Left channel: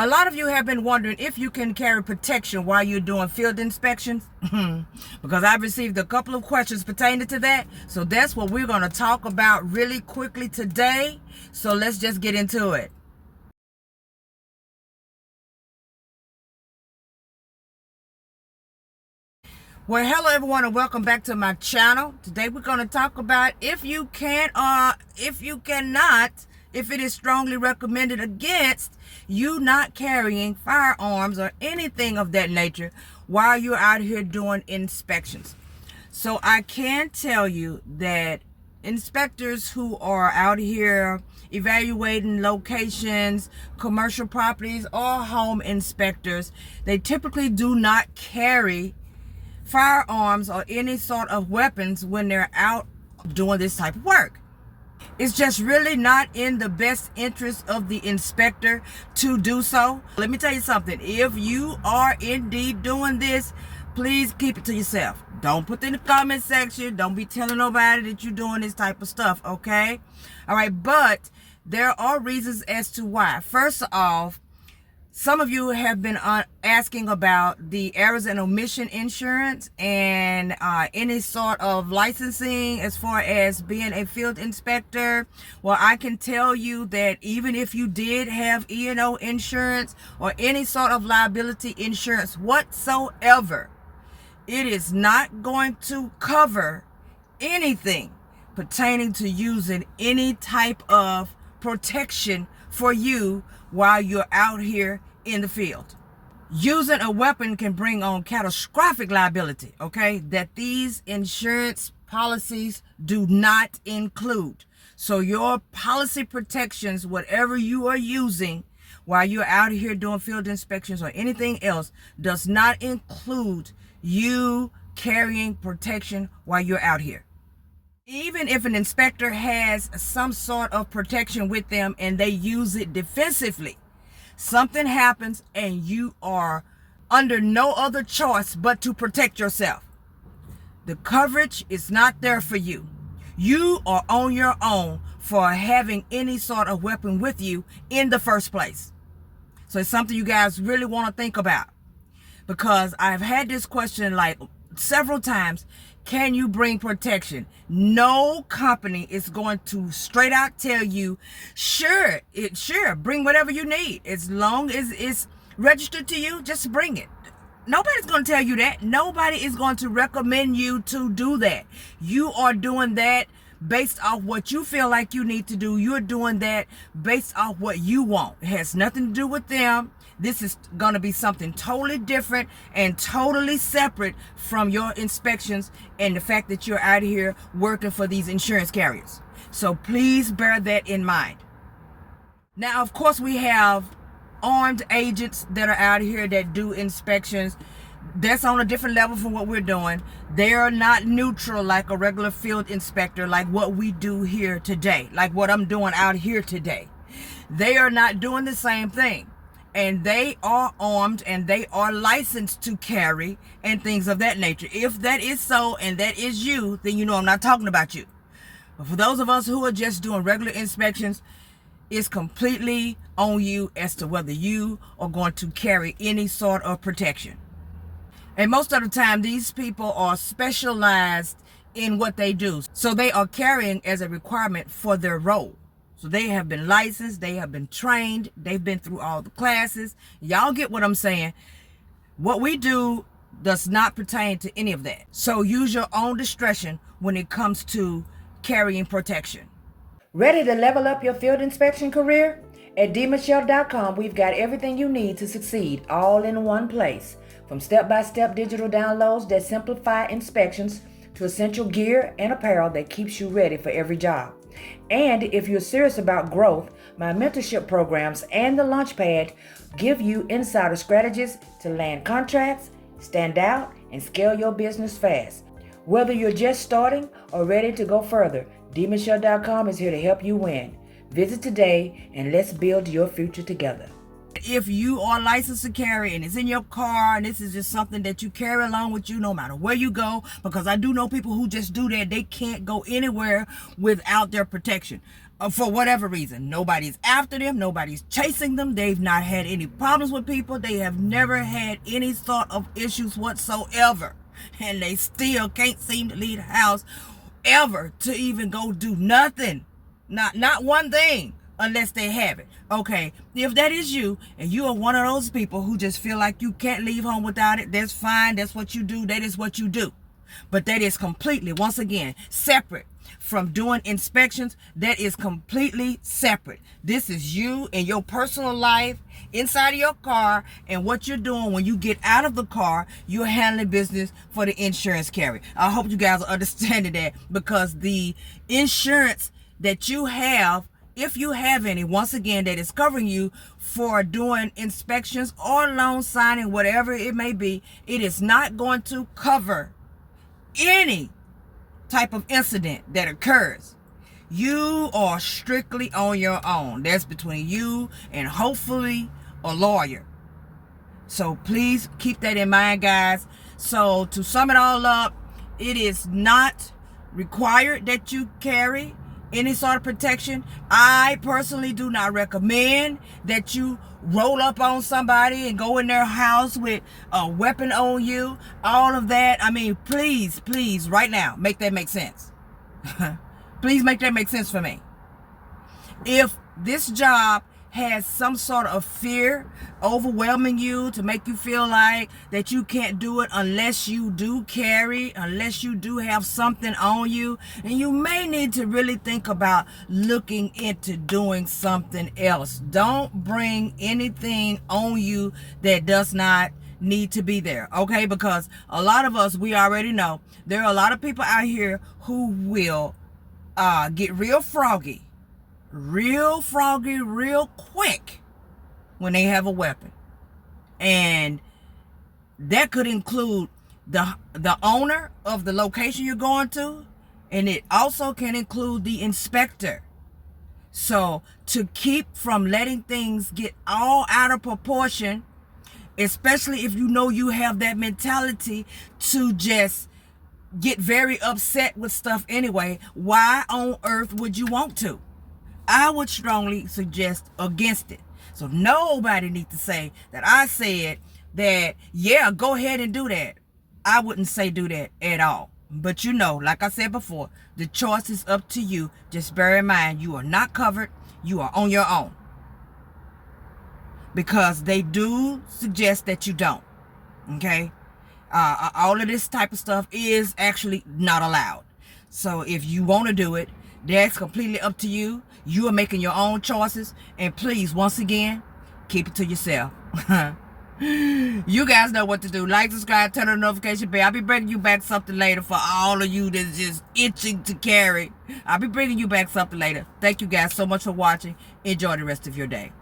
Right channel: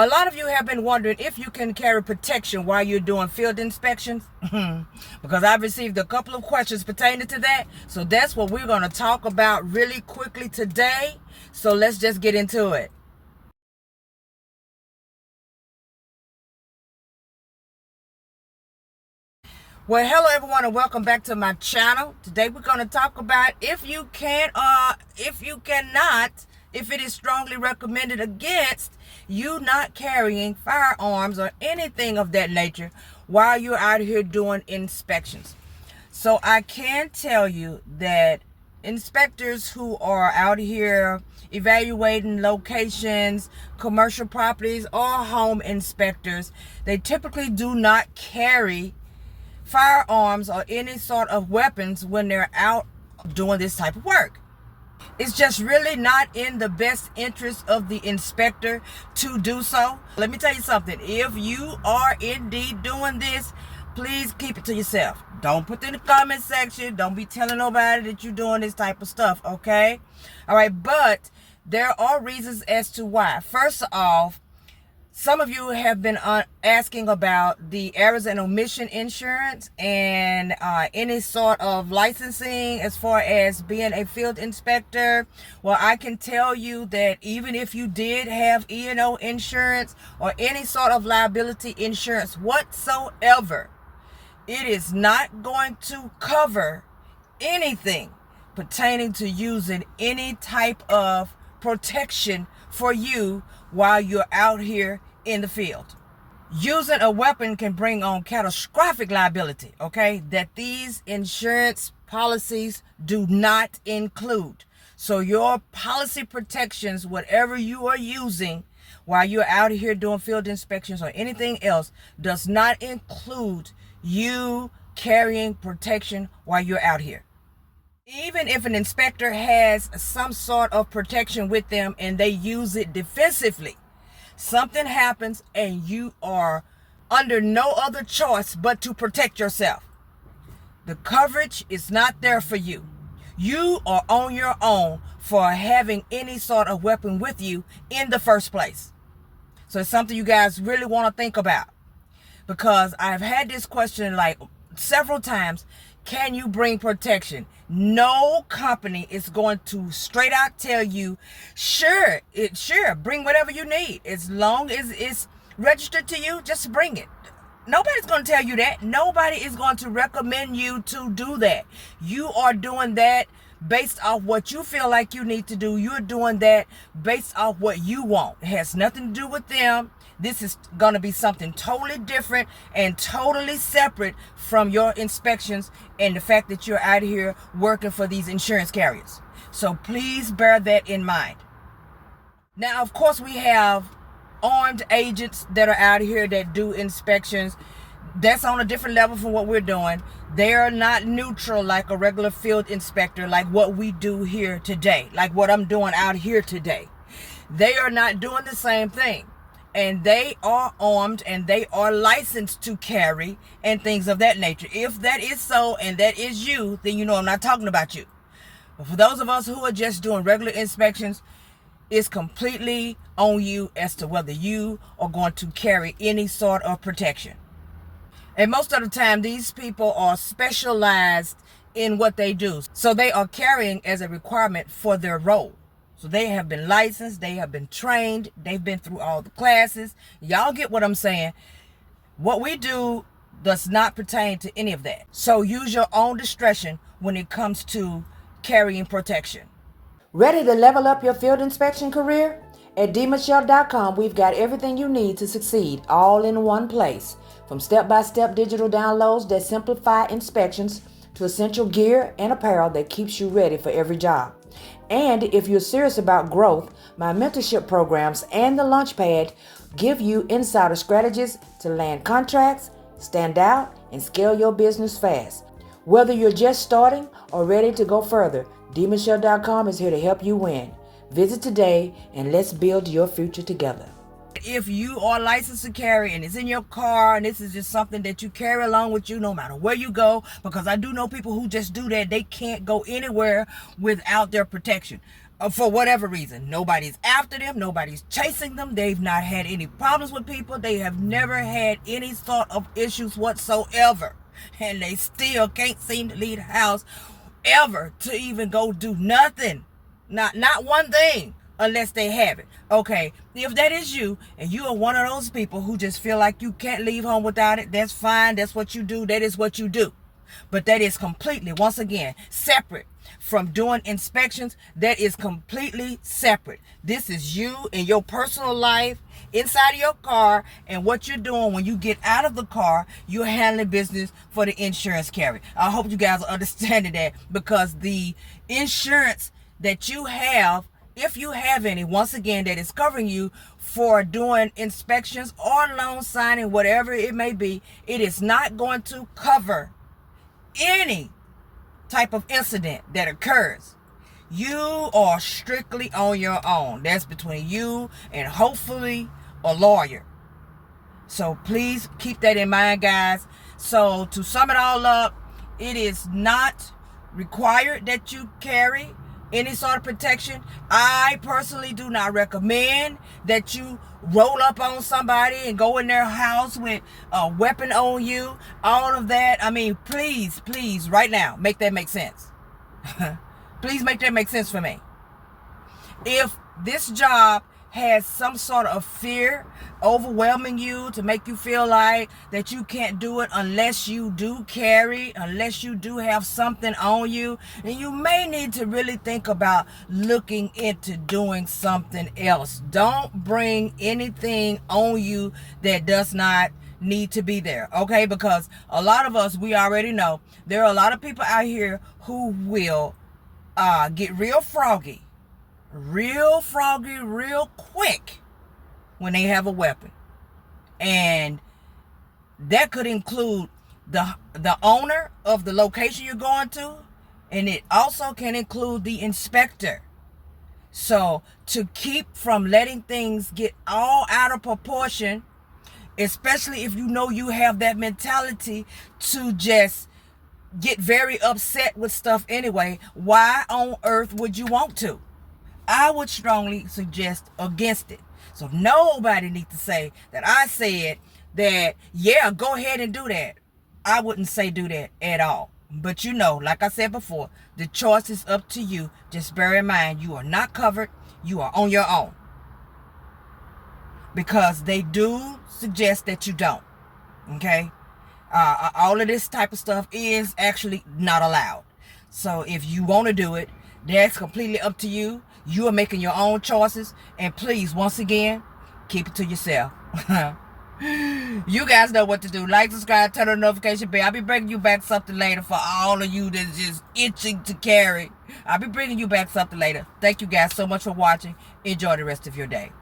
A lot of you have been wondering if you can carry protection while you're doing field inspections. Because I've received a couple of questions pertaining to that. So that's what we're going to talk about really quickly today. So let's just get into it. Well, hello everyone and welcome back to my channel. Today we're going to talk about if you can or if you cannot, if it is strongly recommended against you not carrying firearms or anything of that nature while you're out here doing inspections. So I can tell you that inspectors who are out here evaluating locations, commercial properties, or home inspectors, they typically do not carry firearms or any sort of weapons when they're out doing this type of work. It's just really not in the best interest of the inspector to do so. Let me tell you something. If you are indeed doing this, please keep it to yourself. Don't put it in the comment section. Don't be telling nobody that you're doing this type of stuff, okay? All right, but there are reasons as to why. First off, some of you have been asking about the errors and omission insurance and any sort of licensing as far as being a field inspector. Well, I can tell you that even if you did have E&O insurance or any sort of liability insurance whatsoever, it is not going to cover anything pertaining to using any type of protection for you while you're out here in the field. Using a weapon can bring on catastrophic liability, okay, that these insurance policies do not include. So your policy protections, whatever you are using while you're out here doing field inspections or anything else, does not include you carrying protection while you're out here. Even if an inspector has some sort of protection with them and they use it defensively, something happens and you are under no other choice but to protect yourself. The coverage is not there for you. You are on your own for having any sort of weapon with you in the first place. So it's something you guys really want to think about, because I've had this question like several times. Can you bring protection? No company is going to straight out tell you, sure, bring whatever you need. As long as it's registered to you, just bring it. Nobody's going to tell you that. Nobody is going to recommend you to do that. You are doing that based off what you feel like you need to do. You're doing that based off what you want. It has nothing to do with them. This is going to be something totally different and totally separate from your inspections and the fact that you're out here working for these insurance carriers. So please bear that in mind. Now, of course, we have armed agents that are out here that do inspections. That's on a different level from what we're doing. They are not neutral like a regular field inspector, like what we do here today, like what I'm doing out here today. They are not doing the same thing. And they are armed and they are licensed to carry and things of that nature. If that is so and that is you, then you know I'm not talking about you. But for those of us who are just doing regular inspections, it's completely on you as to whether you are going to carry any sort of protection. And most of the time, these people are specialized in what they do. So they are carrying as a requirement for their role. So they have been licensed, they have been trained, they've been through all the classes. Y'all get what I'm saying? What we do does not pertain to any of that. So use your own discretion when it comes to carrying protection. Ready to level up your field inspection career? At dmichelle.com, we've got everything you need to succeed all in one place. From step-by-step digital downloads that simplify inspections to essential gear and apparel that keeps you ready for every job. And if you're serious about growth, my mentorship programs and the Launchpad give you insider strategies to land contracts, stand out, and scale your business fast. Whether you're just starting or ready to go further, dmichelle.com is here to help you win. Visit today and let's build your future together. If you are licensed to carry and it's in your car and this is just something that you carry along with you no matter where you go, because I do know people who just do that, they can't go anywhere without their protection. for whatever reason. Nobody's after them. Nobody's chasing them. They've not had any problems with people. They have never had any sort of issues whatsoever. And they still can't seem to leave the house ever to even go do nothing. Not one thing unless they have it. Okay, if that is you and you are one of those people who just feel like you can't leave home without it, that's fine. That's what you do. That is what you do. But that is completely, once again, separate from doing inspections. That is completely separate. This is you and your personal life inside of your car, and what you're doing when you get out of the car, you're handling business for the insurance carrier. I hope you guys are understanding that, because the insurance that you have, if you have any, once again, that is covering you for doing inspections or loan signing, whatever it may be, it is not going to cover any type of incident that occurs. You are strictly on your own. That's between you and hopefully a lawyer. So please keep that in mind, guys. So to sum it all up, it is not required that you carry any sort of protection. I personally do not recommend that you roll up on somebody and go in their house with a weapon on you. All of that. I mean, please, right now, make that make sense. Please make that make sense for me. If this job has some sort of fear overwhelming you to make you feel like that you can't do it unless you do carry, unless you do have something on you, and you may need to really think about looking into doing something else. Don't bring anything on you that does not need to be there, okay? Because a lot of us, we already know there are a lot of people out here who will get real froggy real quick when they have a weapon. And that could include the owner of the location you're going to, and it also can include the inspector. So to keep from letting things get all out of proportion, especially if you know you have that mentality to just get very upset with stuff anyway, why on earth would you want to? I would strongly suggest against it. So nobody needs to say that I said that, yeah, go ahead and do that. I wouldn't say do that at all. But you know, like I said before, the choice is up to you. Just bear in mind, you are not covered. You are on your own. Because they do suggest that you don't. Okay? All of this type of stuff is actually not allowed. So if you want to do it, that's completely up to you. You are making your own choices. And please, once again, keep it to yourself. You guys know what to do. Like, subscribe, turn on the notification bell. I'll be bringing you back something later for all of you that's just itching to carry. I'll be bringing you back something later. Thank you guys so much for watching. Enjoy the rest of your day.